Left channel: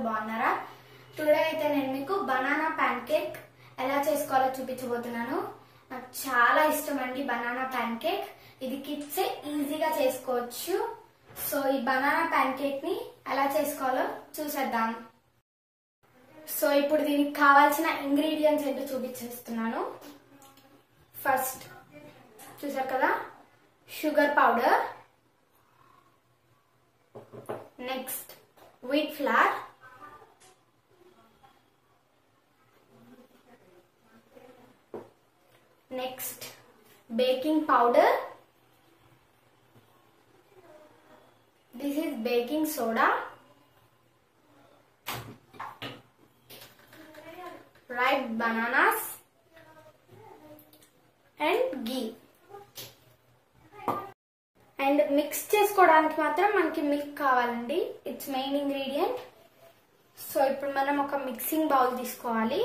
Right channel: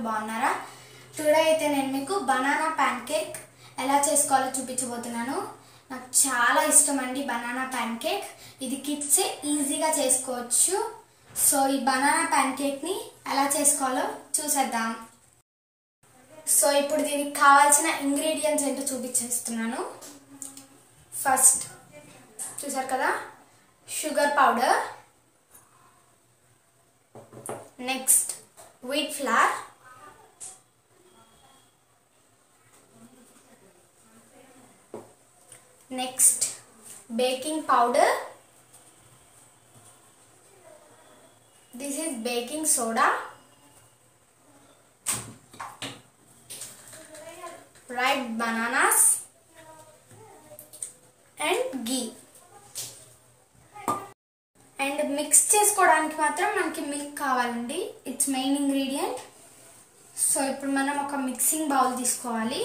అందరూ బాగున్నారా? టుడే అయితే నేను మీకు బనానా ప్యాన్ కేక్ ఎలా చేసుకోవాలో చూపించబోతున్నాను. నాకు చాలా ఇష్టం అండి బనానా ప్యాన్ కేక్. ఇది కిడ్స్ ఈజీగా చేసుకోవచ్చు. సో ఈ బనానా ప్యాన్ కేక్ ని ఎలా చేసుకోవాలో చూసేద్దాం. సో ఇప్పుడు దీనికి కావాల్సిన ఇంగ్రీడియంట్స్ ఏంటో చూపించేస్తున్నాను. ఫస్ట్ చూసారు కదా, sugar powder, next wheat flour, next baking powder, this is baking soda, ripe bananas and ghee. And mix చేసుకోవడానికి మాత్రం మనకి మిల్క్ కావాలండి, ఇట్స్ మెయిన్ ఇంగ్రీడియంట్. సో ఇప్పుడు మనం ఒక మిక్సింగ్ బౌల్ తీసుకోవాలి.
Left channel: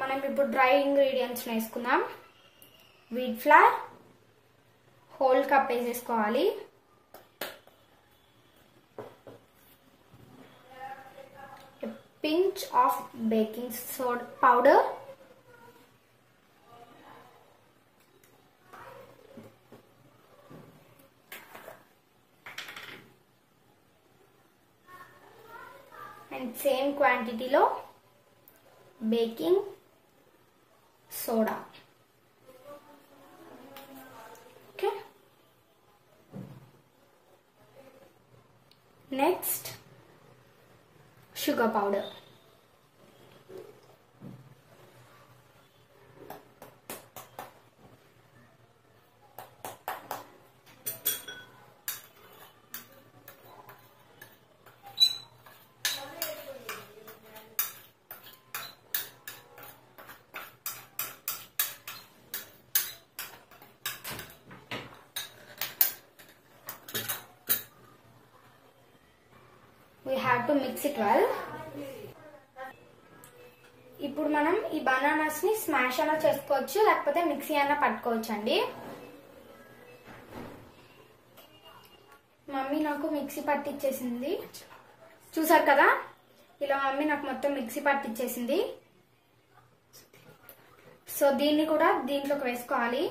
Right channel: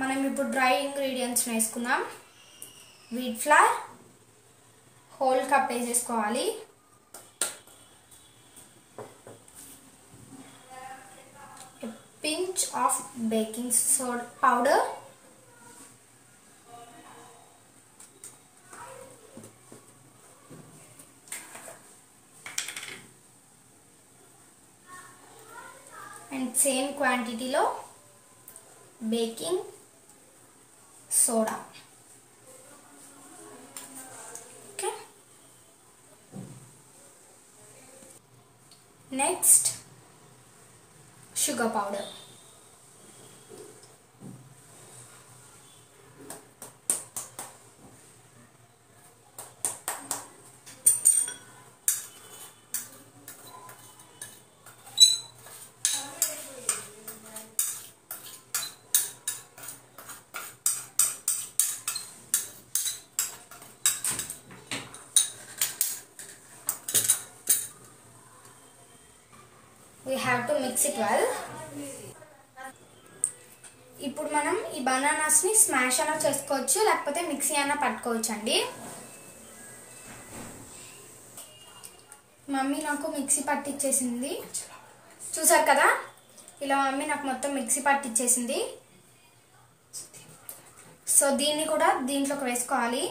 మనం ఇప్పుడు డ్రై ఇంగ్రీడియంట్స్ వేసుకుందాం. వీట్ ఫ్లవర్ హోల్ కప్ వేసేసుకోవాలి. Pinch of baking soda powder, and same quantity lo baking soda. Okay, next sugar powder, we have to mix it well. ఇప్పుడు మనం ఈ బనానాస్ ని స్మాష్ అయినా చేసుకోవచ్చు, లేకపోతే మిక్సీ అయినా పట్టుకోవచ్చు అండి. మమ్మీ నాకు మిక్సీ పట్టిచ్చేసింది, చూసారు కదా, ఇలా మమ్మీ నాకు మొత్తం మిక్సీ పట్టిచ్చేసింది. సో దీన్ని కూడా దీంట్లోకి వేసుకోవాలి.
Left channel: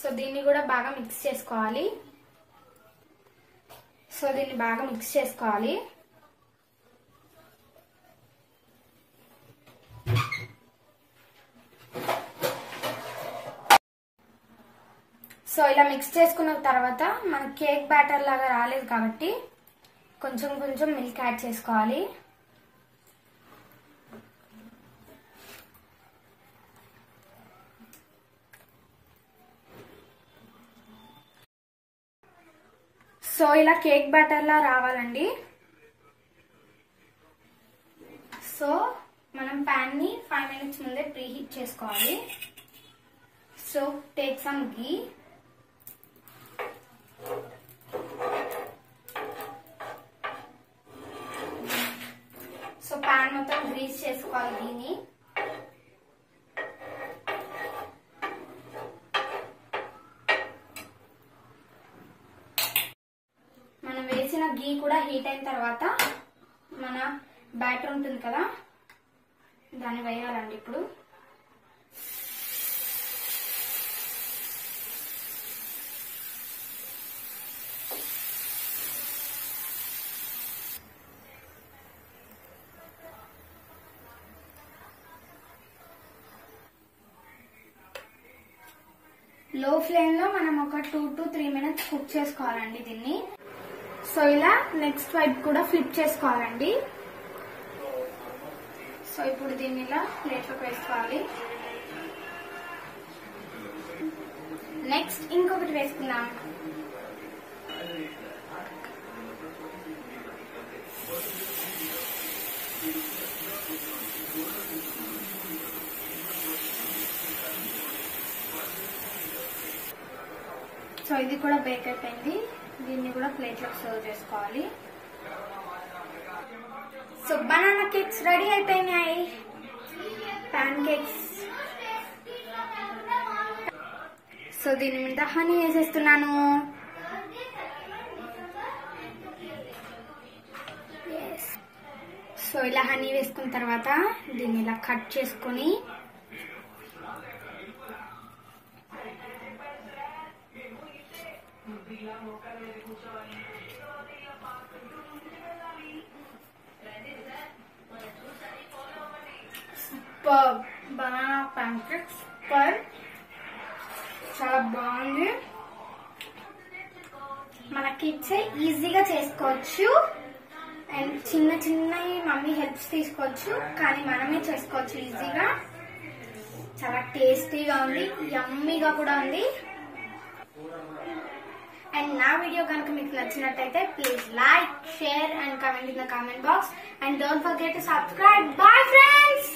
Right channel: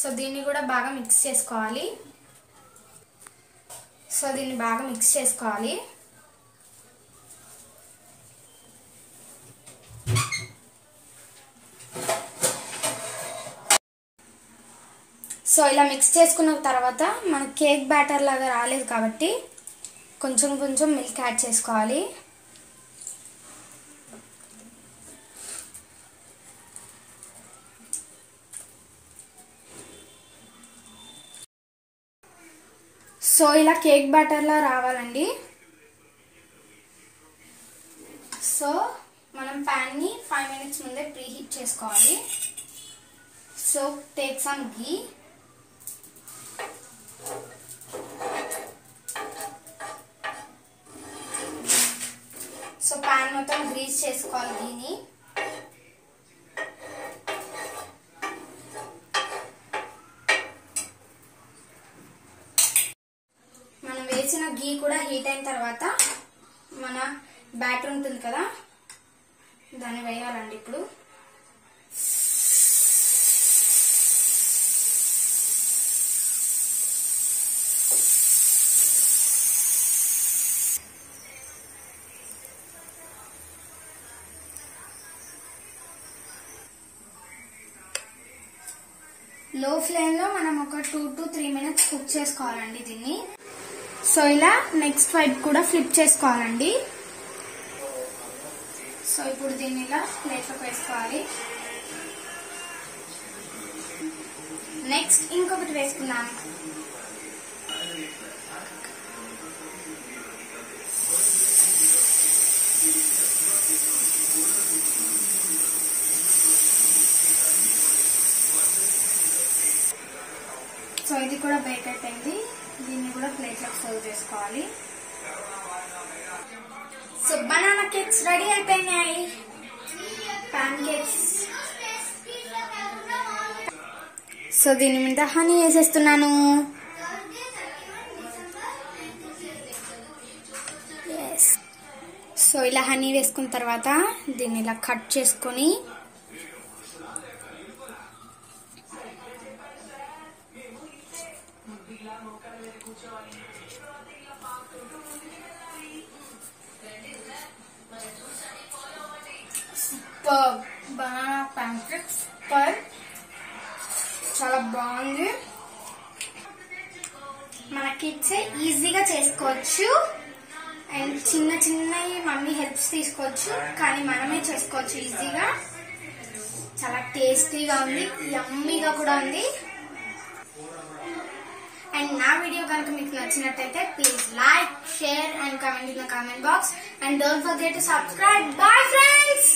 సో దీన్ని కూడా బాగా మిక్స్ చేసుకోవాలి. సో దీన్ని బాగా మిక్స్ చేసుకోవాలి. సో ఇలా మిక్స్ చేసుకున్న తర్వాత మన కేక్ బ్యాటర్ లాగా రాలేదు కాబట్టి కొంచెం కొంచెం మిల్క్ యాడ్ చేసుకోవాలి. సో ఇలా కేక్ బ్యాటర్లా రావాలండి. సో మనం ప్యాన్ని 5 minutes ముందే ప్రీ హీట్ చేసుకోవాలి. సో టేక్ సమ్ ఘీ, సో ప్యాన్ మొత్తం గ్రీస్ చేసుకోవాలి ఘీని. వేసిన ఘీ కూడా హీట్ అయిన తర్వాత మన బ్యాటర్ ఉంటుంది కదా, దాన్ని వేయాలండి. ఇప్పుడు లో ఫ్లేమ్ లో మనం ఒక 2 to 3 minutes కుక్ చేసుకోవాలండి దీన్ని. సో ఇలా నెక్స్ట్ వైపు కూడా ఫ్లిప్ చేసుకోవాలండి. సో ఇప్పుడు దీన్ని ఇలా ప్లేట్లోకి వేసుకోవాలి. నెక్స్ట్ ఇంకొకటి వేసుకుందాం. సో ఇది కూడా బేక్ అయిపోయింది. దీన్ని కూడా ప్లేట్లోకి సర్వ్ చేసుకోవాలి. సో బనానా కేక్స్ రెడీ అయిపోయినాయి. Pan cakes. సో దీని మీద హనీ వేసేస్తున్నాను. సో ఇలా హనీ వేసుకున్న తర్వాత దీన్ని ఇలా కట్ చేసుకొని సూపర్ బనానా ప్యాన్కేక్. సూపర్, చాలా బాగుంది. మన కిడ్స్ ఈజీగా చేసుకోవచ్చు అండ్ చిన్న చిన్నవి మమ్మీ హెల్ప్స్ తీసుకోవచ్చు, కానీ మనమే చేసుకోవచ్చు ఈజీగా. చాలా టేస్టీగా ఉంది, యమ్మీగా కూడా ఉంది. అండ్ నా వీడియో కనుక మీకు నచ్చినట్టయితే please like, share and comment in the comment box. And don't forget to subscribe. Bye friends.